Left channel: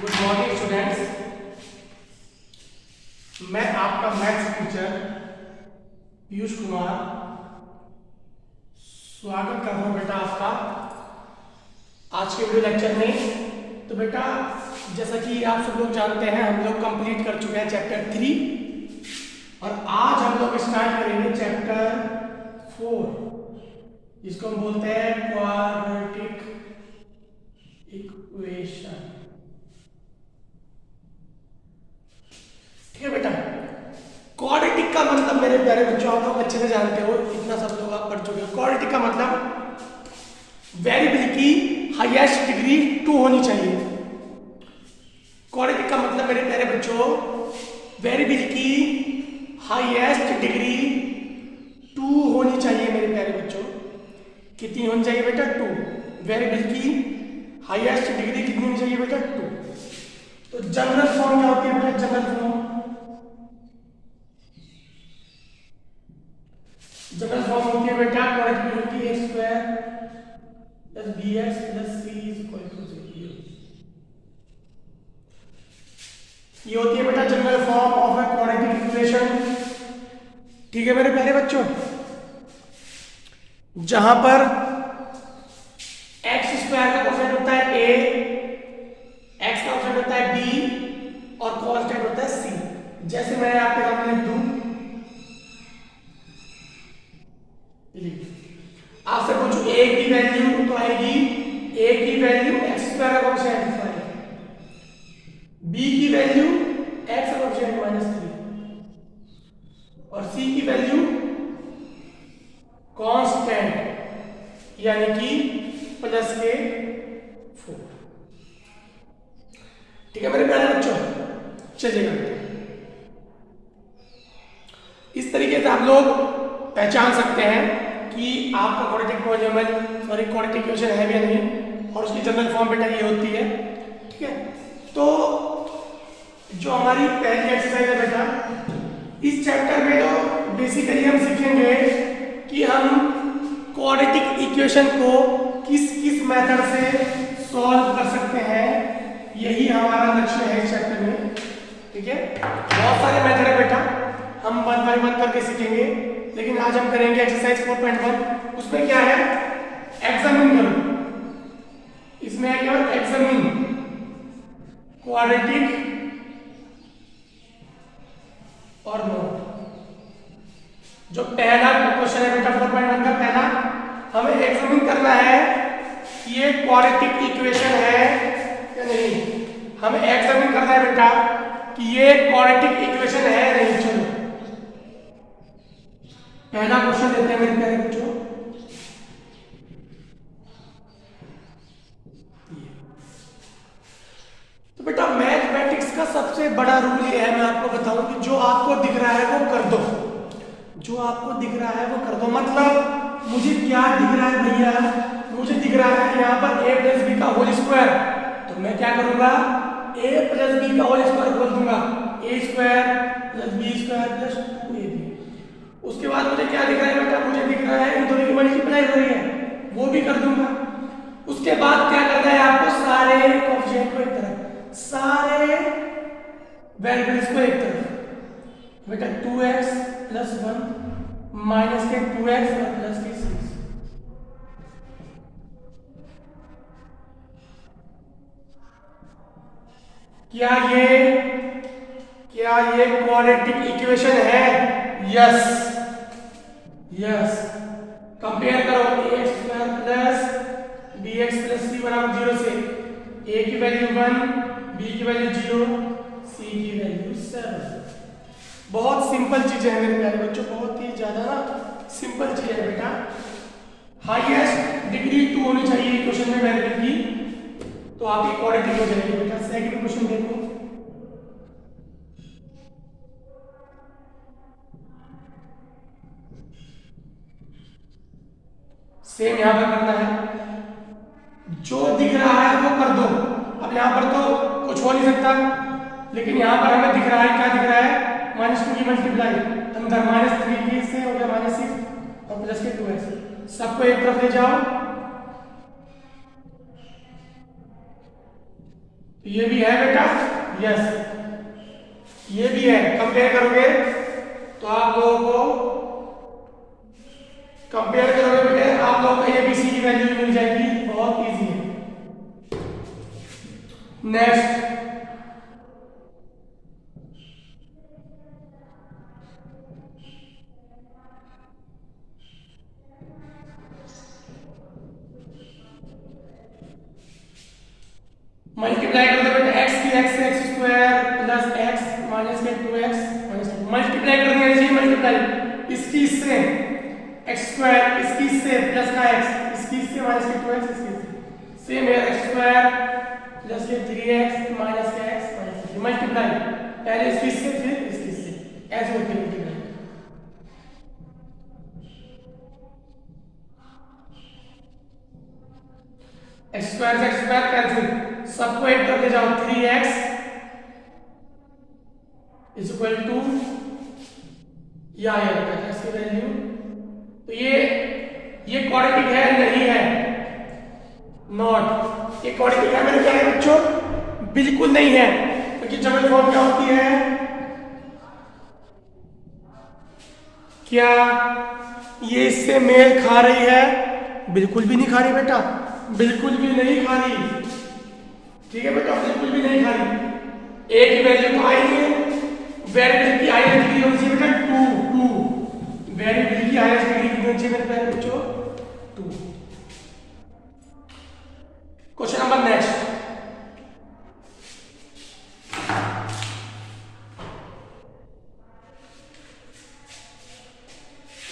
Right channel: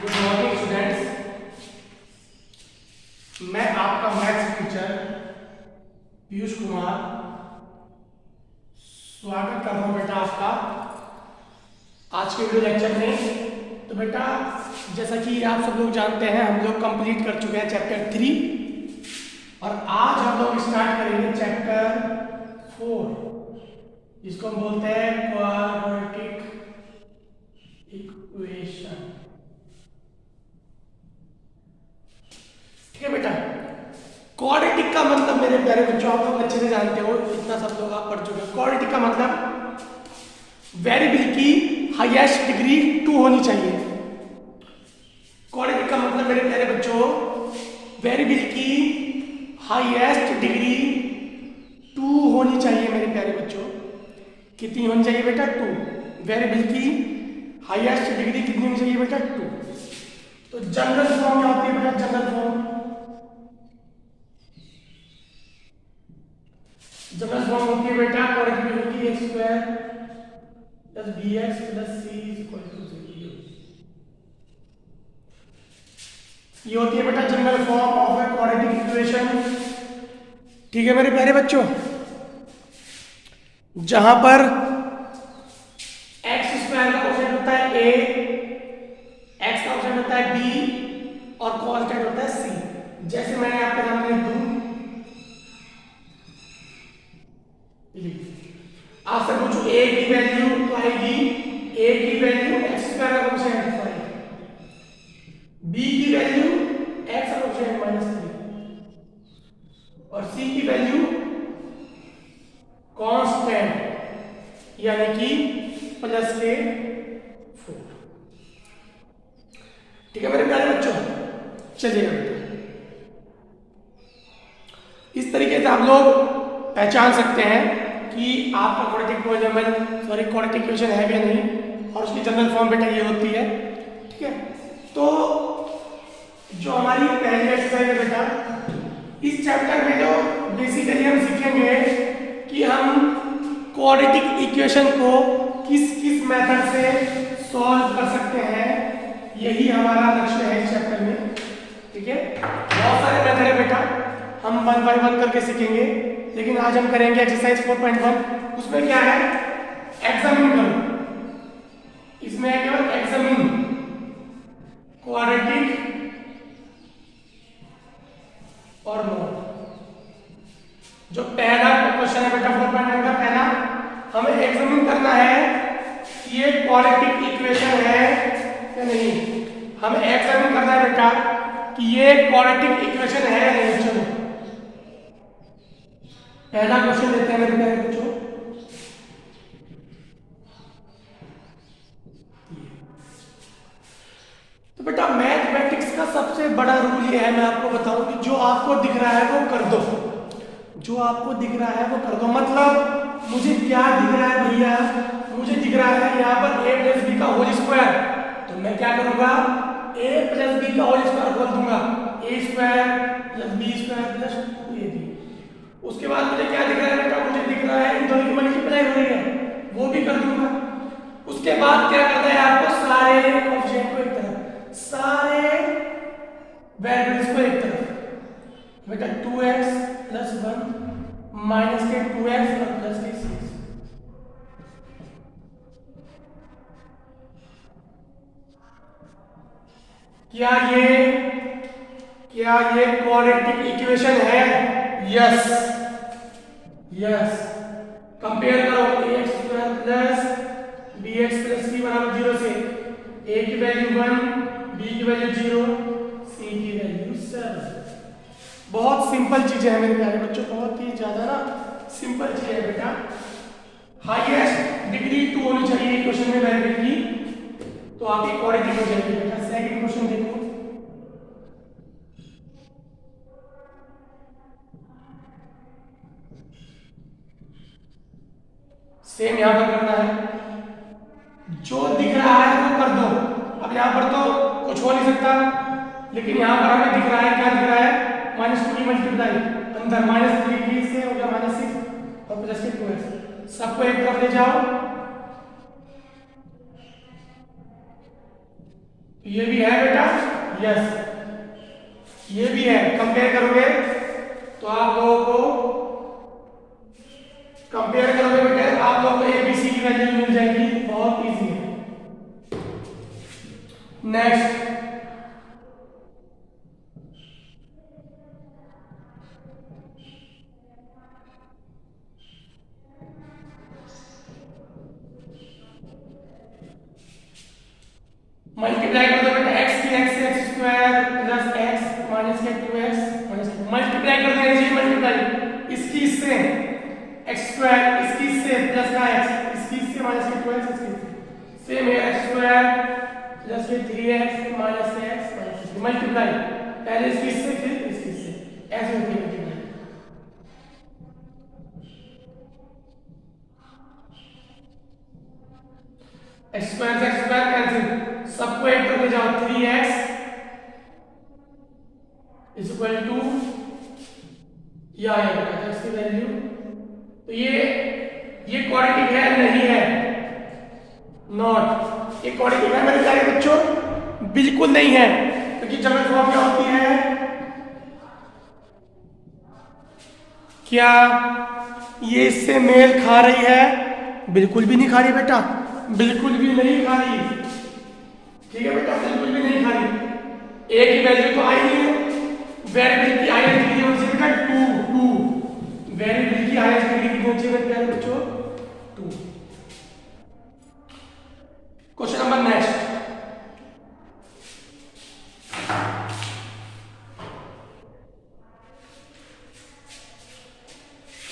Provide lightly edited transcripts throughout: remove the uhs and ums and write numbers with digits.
Good morning students, मैं आपका maths teacher Piyush Kumar स्वागत कर रहा हूँ बेटा आपका आज के वीडियो लेक्चर में। तो बेटा जैसा कि आप सब लोग जानते हैं, हम लोग कंप्लीट कर चुके हैं चैप्टर 3 और आज हम लोग स्टार्ट करेंगे चैप्टर 4 जिसको हम बोलते हैं क्वाड्रेटिक इक्वेशन। ठीक है बेटा, क्वाड्रेटिक का मतलब मेरे प्यारे बच्चों आप लोग अच्छे से जानते हो, इतना सब लोग आप पढ़ चुके हो। क्वाड्रेटिक का मतलब वेरिएबल की हाईएस्ट डिग्री 2 होनी चाहिए। क्वाड्रेटिक का मतलब मेरे प्यारे बच्चों वेरिएबल की हाईएस्ट डिग्री 2 होनी चाहिए मेरे प्यारे बच्चों। कितनी होनी चाहिए बेटा? 2। वेरिएबल की हाईएस्ट डिग्री कितनी होनी चाहिए बेटा? 2। तो जनरल फॉर्म क्या होती है बेटा? जनरल फॉर्म होती है बेटा क्वाड्रेटिक की x square plus bx plus c is equal to 0। ये होती है बेटा general form of a quadratic equation. ठीक है मेरे प्यारे बच्चों, जहां पर x स्क्वायर का कोफिशिएंट होता है a, x का कोफिशिएंट होता है b और कांस्टेंट होता है c। जैसे मैं आपके सामने लिख दूं, आपसे पूछूं a की वैल्यू तो आएगी a की वैल्यू x स्क्वायर का कोफिशिएंट 5, b की वैल्यू x का कोफिशिएंट -3 और c की वैल्यू कांस्टेंट यानी कि +4। ठीक है मेरे प्यारे बच्चों, चलिएगा बेटा इस तरीके से आप लोग पहचान सकते हैं कि आपका क्वाड्रेटिक क्वाड्रेटिक इक्वेशन है या नहीं, और उसकी जनरल फॉर्म बेटा ये होती है। ठीक है, तो जो हमारी पहली एक्सरसाइज है बेटा, इस चैप्टर में तो बेसिकली हम सीखेंगे कि हम क्वाड्रेटिक इक्वेशन को किस किस मेथड से सॉल्व कर सकते हैं, यही हमारा लक्ष्य है इस चैप्टर में। ठीक है, बहुत सारे मेथड है बेटा, हम 1 बाय 1 करके सीखेंगे, लेकिन आज हम करेंगे एक्सरसाइज 4.1। उसमें क्या है? एग्जामिन करो। इसमें है केवल एग्जामिन क्वाड्रेटिक और नो। जो पहला क्वेश्चन है बेटा 4.1 का पहला, हमें एग्जामिन करना है कि ये क्वाड्रेटिक इक्वेशन है या नहीं। हमें एग्जामिन करना है बेटा कि ये क्वाड्रेटिक इक्वेशन है या नहीं। चलो पहला क्वेश्चन लेते हैं मेरे प्यारे बच्चों। तो बेटा मैथमेटिक्स का सबसे बड़ा रूल ये है, मैं आपको बताऊं कि जो आपको दिख रहा है वो कर दो। जो आपको दिख रहा है वो कर दो। मतलब मुझे क्या दिख रहा है भैया? मुझे दिख रहा है यहाँ पर a प्लस बी का होल स्क्वायर, तो मैं क्या करूंगा? a प्लस बी का होल स्क्वायर खोल दूंगा, a square plus b square plus 2ab। उसके बाद मुझे क्या दिख रहा है बेटा? मुझे दिख रहा है इन दोनों की मल्टीप्लाई हो रही है, वो भी कर दूंगा। उसके बाद क्या करना है आपको? सारे कोएफिशिएंट को एक तरफ, सारे वेरिएबल्स को एक तरफ। बेटा 2x प्लस 1 माइनस के 2x और प्लस के 6। क्या ये क्वाड्रेटिक इक्वेशन है? Yes yes. कंपेयर करो ax square plus bx plus c बराबर 0 से a की वैल्यू 1, b की वैल्यू 0, c की वैल्यू 7। बहुत सिंपल चीजें हैं मेरे प्यारे बच्चों, बहुत ही ज्यादा ना सिंपल चीजें हैं बेटा। हाईएस्ट डिग्री 2 होनी चाहिए इक्वेशन में वेरिएबल की, तो आपकी क्वाड्रेटिक हो जाएगी बेटा। सेकंड क्वेश्चन देखो, सेम यहां पर करना है। जो दिख रहा है वो कर दो। अब यहां पर तो कुछ हो नहीं सकता, लेकिन यहां पर हमें दिख रहा है, क्या दिख रहा है? -2 की मल्टीप्लाई अंदर -3 से हो गया -6 और प्लस के 2x। सबको एक तरफ ले जाओ, ये भी है बेटा, यस ये भी है। कंपेयर करोगे तो आप लोगों को कंपेयर करोगे बेटा, आप लोगों को एबीसी की वैल्यू मिल जाएगी, बहुत इजी है। नेक्स्ट मल्टीप्लाई कर दो बेटा, x की x से x square plus x minus के 2x माइनस मल्टीप्लाई कर देंगे जी, मल्टीप्लाई इसकी इससे x स्क्वायर, इसकी इससे प्लस का x, इसकी इससे माइनस के 2x, इसकी सेम है x स्क्वायर प्लस ये 3x माइनस के x माइनस के मल्टीप्लाई, पहले इसकी इससे फिर इसकी इससे, ऐसे होती है मल्टीप्लाई। x स्क्वायर से x स्क्वायर कैंसिल, सबको एक तरफ ले जाओ, 3x इज इक्वल टू या इसकी वैल्यू, तो ये क्वाड्रेटिक है नहीं है, नॉट, ये क्वाड्रेटिक है मेरे प्यारे बच्चों, बिल्कुल नहीं है, क्योंकि जबल फॉर्म क्या होती है, क्या ये इससे मेल खा रही है, बिल्कुल भी नहीं खा रही बेटा, बिल्कुल भी नहीं खा रही, ठीक है बेटा, बिल्कुल भी नहीं खा रही। ए की वैल्यू तो आई है, वेरिएबल की हाईएस्ट डिग्री होनी चाहिए 2, वेरिएबल की हाईएस्ट डिग्री होनी चाहिए मेरे प्यारे बच्चों 2। क्वेश्चन नंबर नेक्स्ट,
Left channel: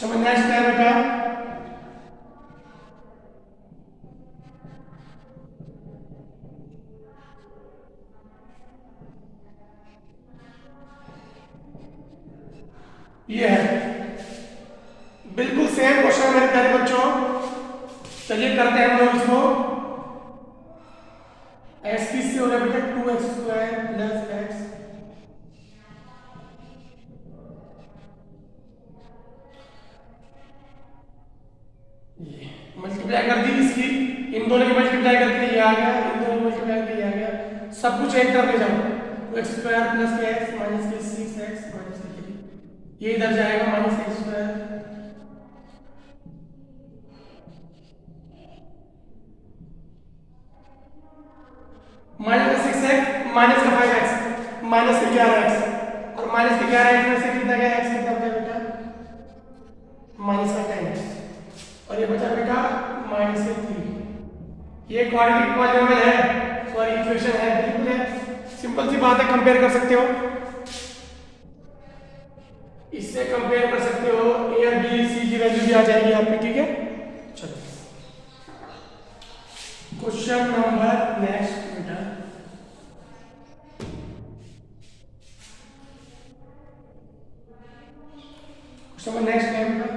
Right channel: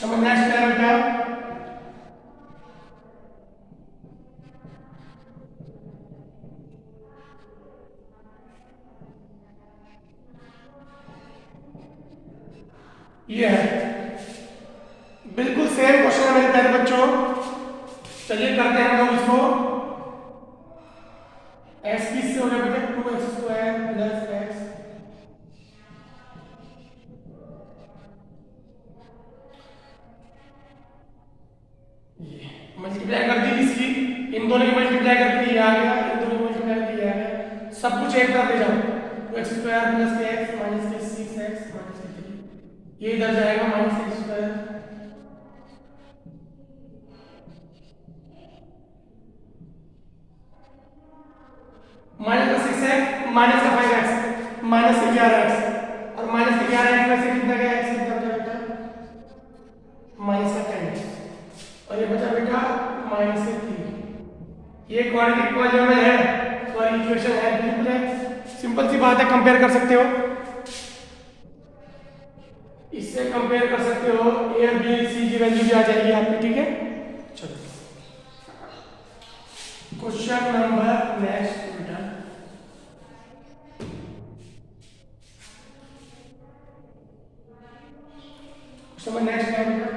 समझना है बेटा, ये है बिल्कुल सेम क्वेश्चन है मेरे प्यारे बच्चों। चलिए करते हैं हम लोग इसको, x किससे हो गया बेटा 2x square plus x, multiply कर दी इसकी, इन दोनों की मल्टीप्लाई करके ये आ गया, इन दोनों की मल्टीप्लाई करके ये आ गया, सब कुछ एक तरफ ले जाओ, 2x स्क्वायर प्लस के x माइनस के 6x माइनस के 3, ये इधर जाएगा माइनस के स्क्वायर, माइनस का 6x माइनस का 5x माइनस के 11x, और माइनस के 11x में से कितना गया, x कितना गया बेटा, माइनस का 10x, और ये बचा बेटा माइनस के 3। ये क्वाड्रेटिक पॉलीनोमियल है, सॉरी इक्वेशन है, बिल्कुल है, सिंपल सी बात है, कंपेयर कर सकते हो, इससे कंपेयर कर सकते हो, ए और बी सी की वैल्यू भी आ जाएगी आपकी, ठीक है। चलो क्वेश्चन नंबर नेक्स्ट बेटा, क्वेश्चन नंबर नेक्स्ट है बेटा,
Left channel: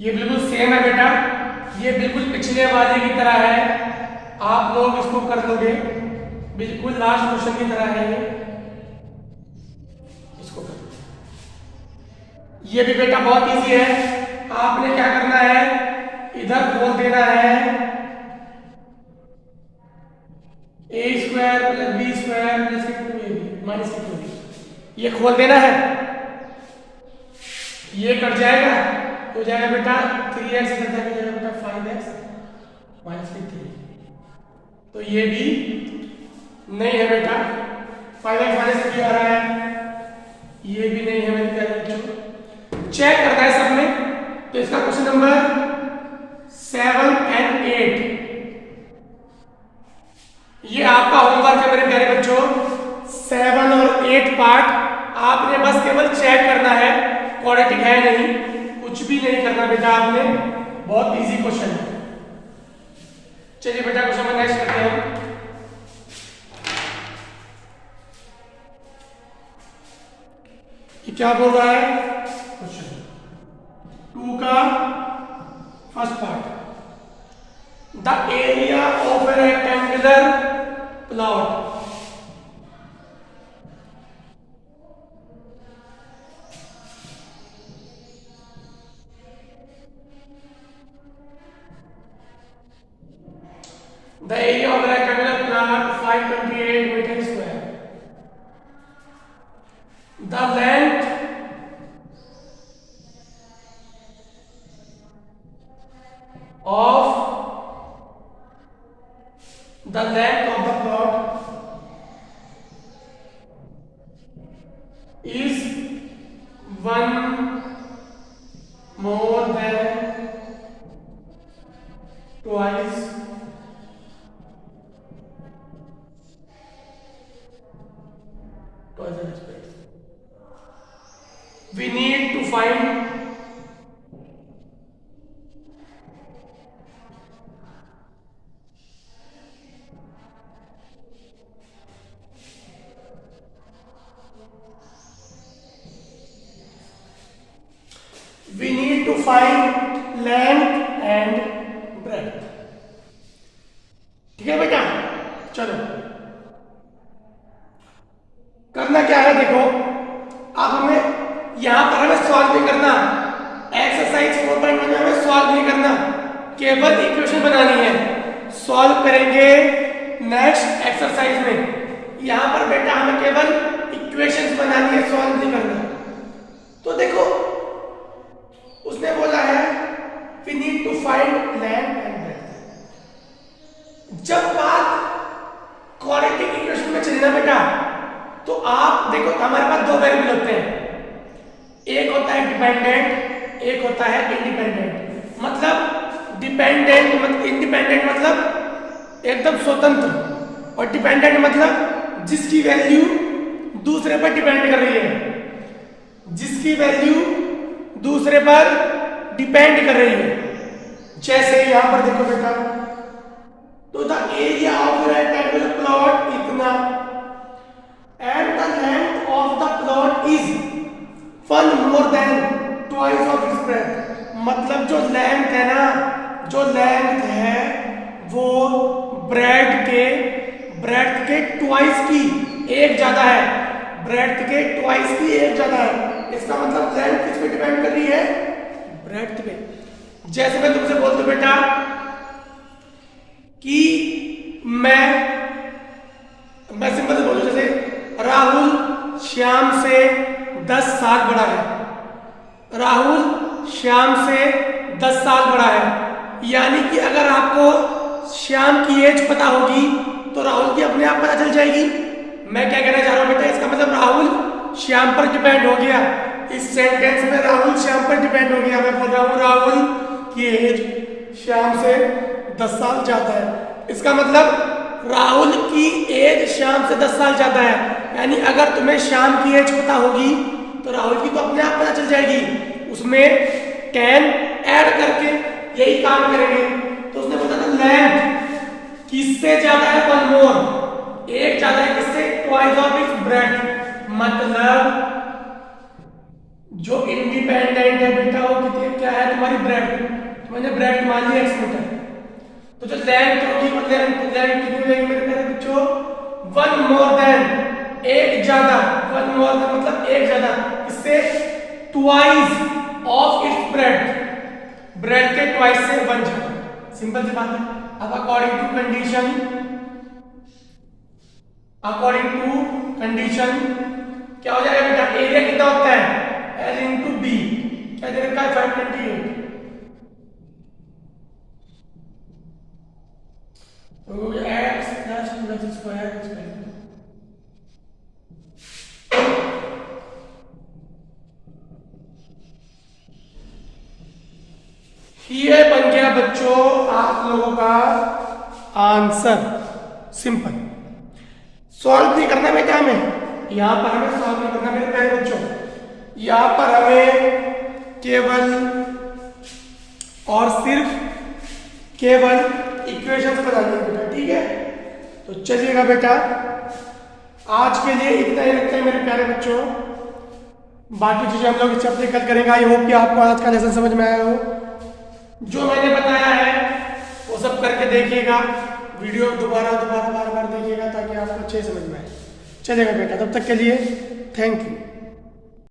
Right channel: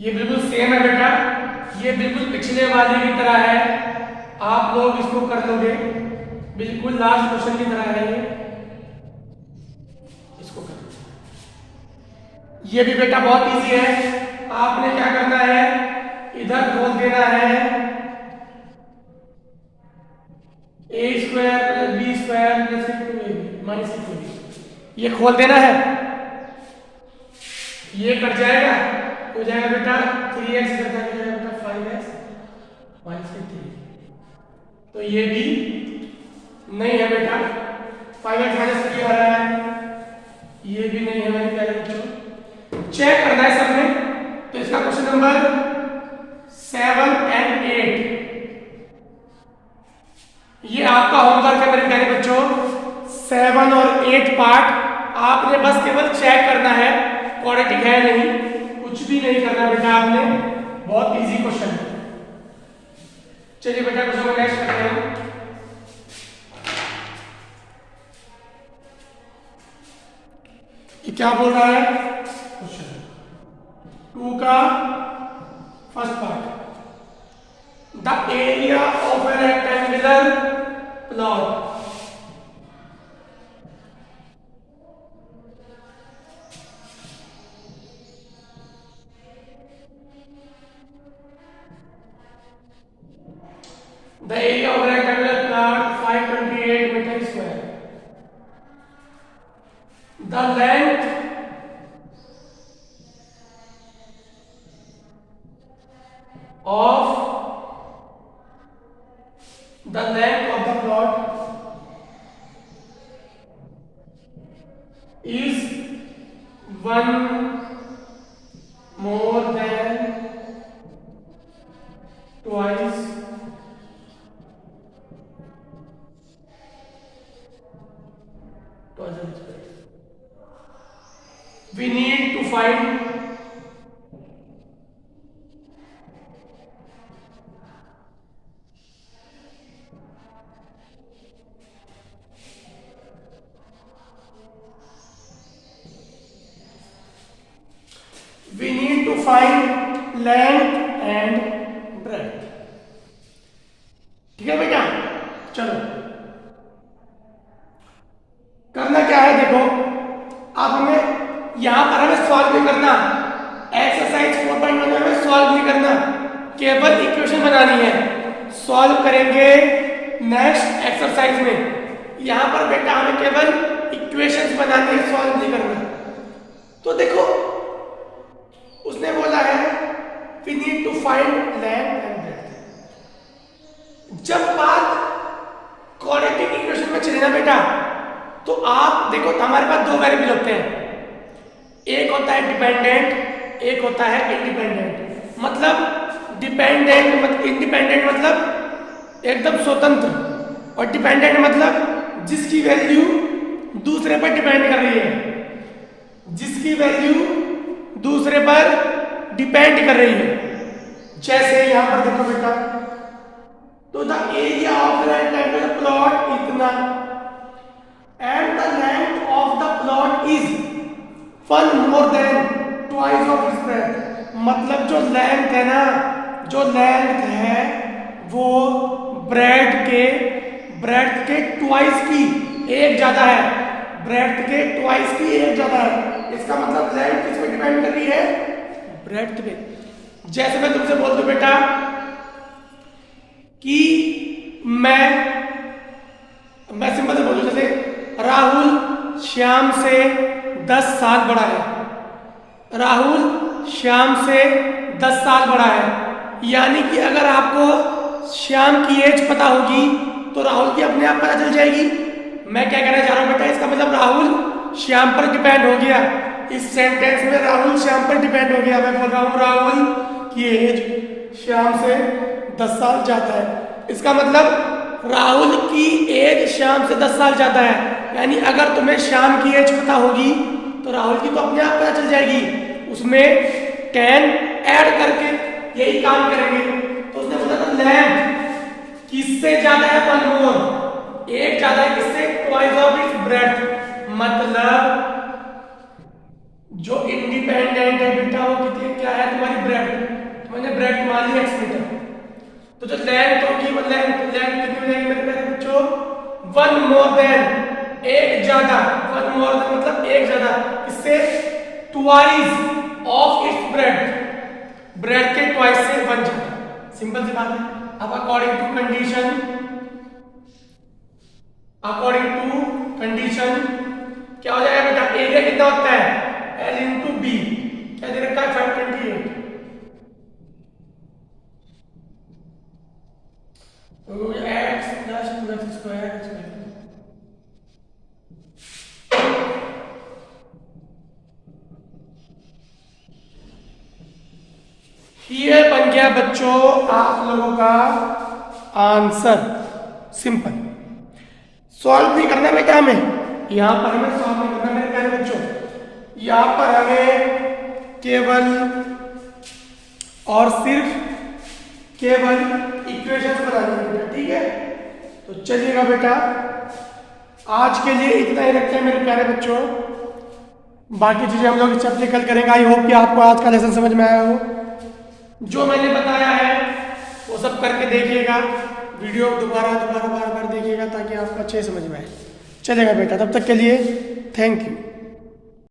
ये बिल्कुल सेम है बेटा, ये बिल्कुल पिछले वाले की तरह है, आप लोग इसको कर लोगे, बिल्कुल लास्ट क्वेश्चन की तरह है ये, इसको कर लो। ये भी बेटा बहुत इजी है, आपने क्या करना है, इधर खोल देना है a square plus b square plus 2ab minus 2, ये खोल देना है, ये कट जाएगा, हो जाएगा बेटा 3x कट जाएगा बेटा 5x माइनस 3, तो ये भी नहीं है बेटा, 5x माइनस 3 आ रहा है, ये भी नहीं है मेरे प्यारे बच्चों, चेक करना है सबने। तो इसका क्वेश्चन नंबर 7 और 8, ये आपका होमवर्क है मेरे प्यारे बच्चों, 7 और 8 पार्ट आपने बस केवल चेक करना है, क्वाड्रेटिक है नहीं, कुछ भी नहीं करना बेटा आपने, बहुत इजी क्वेश्चन है। चलिए बेटा क्वेश्चन में नेक्स्ट करते हैं, ये क्या बोल रहा है, क्वेश्चन 2 का first part, the area of a rectangular plot, the area of rectangular plot 528 metre square. The length of the plot is one more than twice the space. We need to find length and breadth। ठीक है बेटा, चलो करना क्या है, देखो अब हमें यहां पर हमें सॉल्व नहीं करना, एक्सरसाइज 4.1 में हमें सॉल्व नहीं करना, केवल इक्वेशन बनानी है। सॉल्व करेंगे नेक्स्ट एक्सरसाइज में। यहां पर बेटा हमें केवल इक्वेशंस बनानी है, सॉल्व नहीं करना। तो देखो उसने बोला है we need to find length and breadth। जब बात क्वाड्रेटिक इक्वेशन में चली ना बेटा, तो आप देखो हमारे पास दो वेरिएबल होते हैं, एक होता है डिपेंडेंट, एक होता है इंडिपेंडेंट। मतलब डिपेंडेंट इंडिपेंडेंट मतलब एकदम स्वतंत्र, और डिपेंडेंट मतलब जिसकी वैल्यू दूसरे पर डिपेंड कर रही है, जिसकी वैल्यू दूसरे पर डिपेंड कर रही है। जैसे यहां पर देखो बेटा, तो the area of rectangular plot इतना and the length of the plot is one more than twice of its breadth. मतलब जो लेंथ है ना, जो लेंथ है वो ब्रेड्थ के ट्वाइस की एक ज्यादा है, ब्रेड्थ के ट्वाइस की एक ज्यादा है। इसका मतलब लेंथ किस पे डिपेंड कर रही है, ब्रेड्थ पे। जैसे मैं तुमसे बोल दूं बेटा कि मैं सिंपल से बोलूं, जैसे राहुल श्याम से 10 साल बड़ा है, राहुल श्याम से 10 साल बड़ा है। यानी कि अगर आपको श्याम की एज पता होगी तो राहुल की अपने आप पता चल जाएगी। मैं क्या कहना चाह रहा हूं बेटा, इसका मतलब राहुल श्याम पर डिपेंड हो गया। इस सेंटेंस में राहुल श्याम पर डिपेंड हो गया। मैं बोल रहा हूं राहुल की एज श्याम से 10 साल ज्यादा है। इसका मतलब राहुल की एज श्याम से 10 साल ज्यादा है। यानी अगर तुम्हें श्याम की एज पता होगी तो राहुल की तो अपने आप पता चल जाएगी, उसमें 10 ऐड करके यही काम करेंगे। तो उसने बोला था लेंथ किससे ज्यादा है, वन मोर, एक ज्यादा है किससे, ट्वाइस ऑफ इट्स ब्रेड्थ। मतलब जो इंडिपेंडेंट है बेटा वो कितनी क्या है तुम्हारी ब्रेड्थ, मैंने ब्रेड्थ मान लिया x मीटर। तो जो लेंथ होगी मतलब लेंथ कितनी होगी मेरे प्यारे बच्चों, वन मोर देन, एक ज्यादा, वन मोर देन मतलब एक ज्यादा, इससे twice of its breadth, breadth के ट्वाइस से वन ज्यादा। सिंपल सी बात है। अब अकॉर्डिंग टू कंडीशन क्या हो जाएगा बेटा, एरिया कितना होता है L into B, क्या दे रखा है 528। तो x plus 2x square ये बन गया बच्चों आप लोगों का आंसर। सिंपल, सॉल्व नहीं करना बेटा हमें, यहां पर हमें सॉल्व नहीं करना मेरे प्यारे बच्चों। यहां पर हमें केवल और सिर्फ इक्वेशंस बनानी है, ठीक है। तो चलिएगा बेटा, आज के लिए इतना ही रखते हैं मेरे प्यारे बच्चों, बाकी चीजें हम लोग इस चैप्टर कल करेंगे। आई होप कि आपको आज का लेसन समझ में आया हो। जो मैंने बताया है वो सब करके देखिएगा, वीडियो दोबारा बार बार देखिएगा ताकि आपको अच्छे समझ में आए। चलेगा बेटा, तब तक के लिए थैंक यू।